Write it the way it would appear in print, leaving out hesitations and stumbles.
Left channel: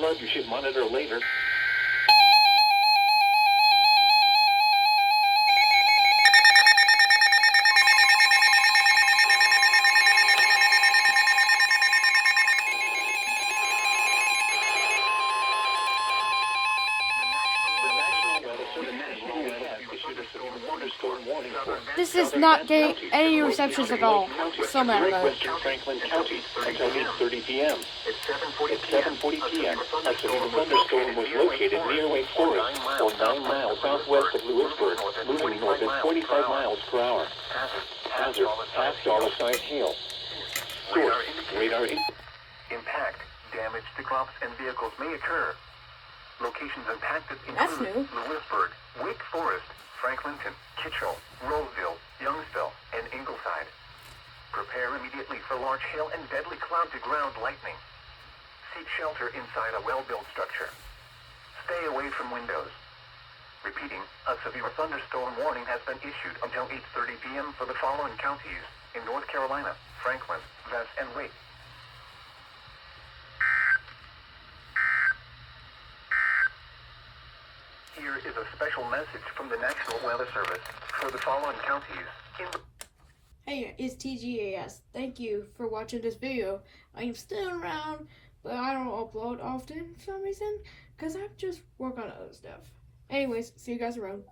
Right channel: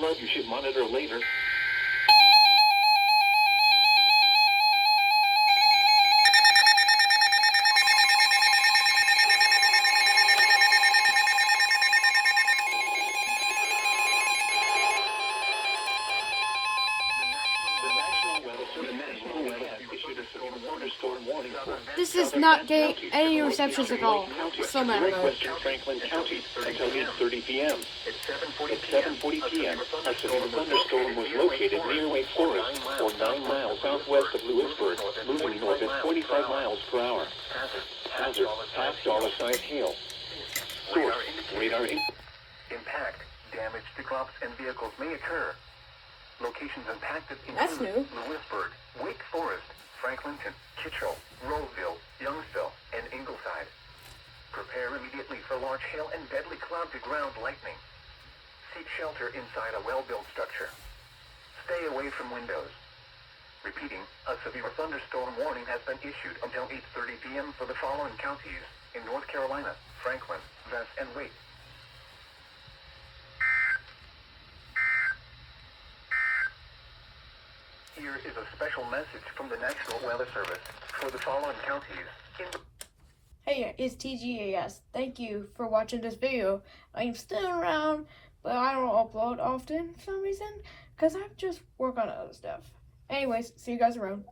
flood you should monitor later. The National Weather has issued a severe thunderstorm warning for This is not getting any receptions at all. So mad about it. western Franklin County until 8:30 p.m. At 7:40 p.m., a severe thunderstorm was located near Wake Forest, or 9 miles southwest of Lewisburg, moving north at 45 miles per hour. Hazard: half dollar-sized hail. Source: radar. Impact: damage to crops and vehicles may occur. Locations impacted That's include new. Lewisburg, Wake Forest, Franklinton, Kitchell, Roseville, Youngsville, and Ingleside. Prepare immediately for large hail and deadly cloud-to-ground lightning. Seek shelter inside a well-built structure. Stay away from windows. Repeating, a severe thunderstorm warning has been issued until 8:30 p.m. for the following counties in North Carolina: Franklin, Vess, and Wake. Here is a special message from the National Weather Service for the following counties in Hey, it's TGAS. Thank you for watching this video. I'm still around, but I don't upload often for some reason, because I just work on other stuff. Anyways, see you guys around.